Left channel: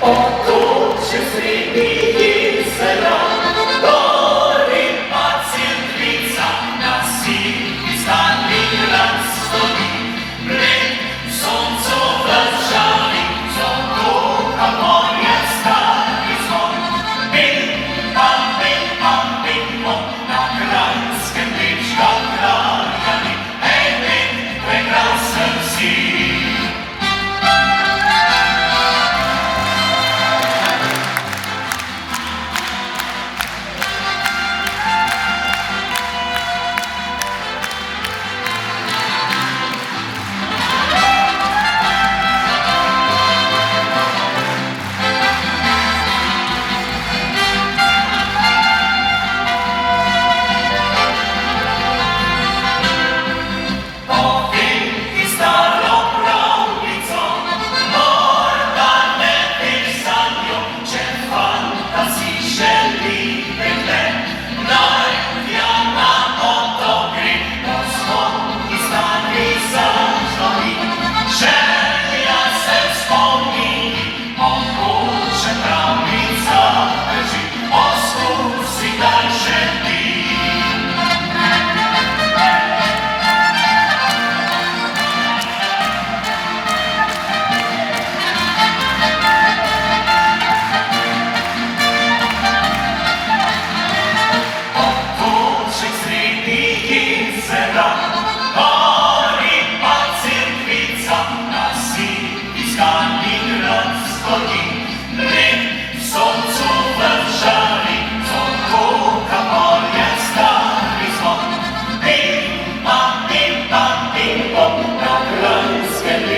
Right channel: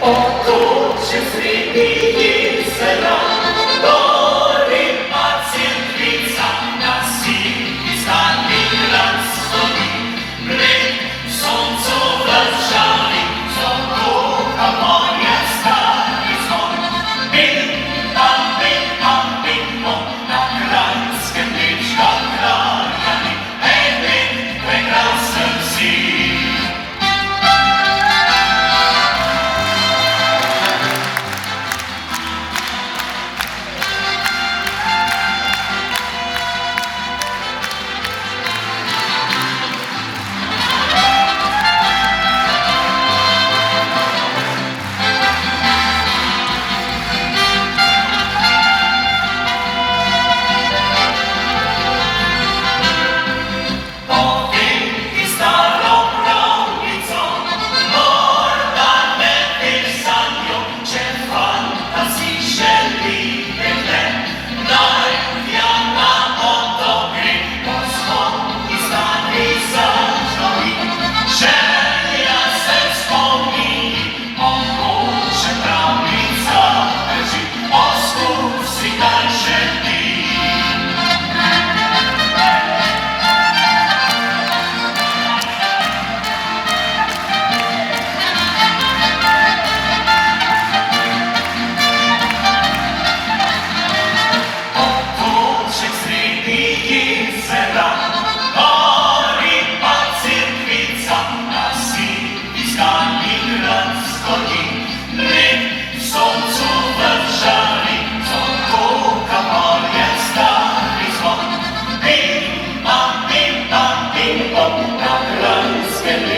Otoczy zrymi sera, gory pacjentwica, na sili stanie las stoi. My są co walczali, co ducha moja stary dzwon. Bing, bam, na krańskie liczka krajami. Hej, my, prekrasem si. Na krańskie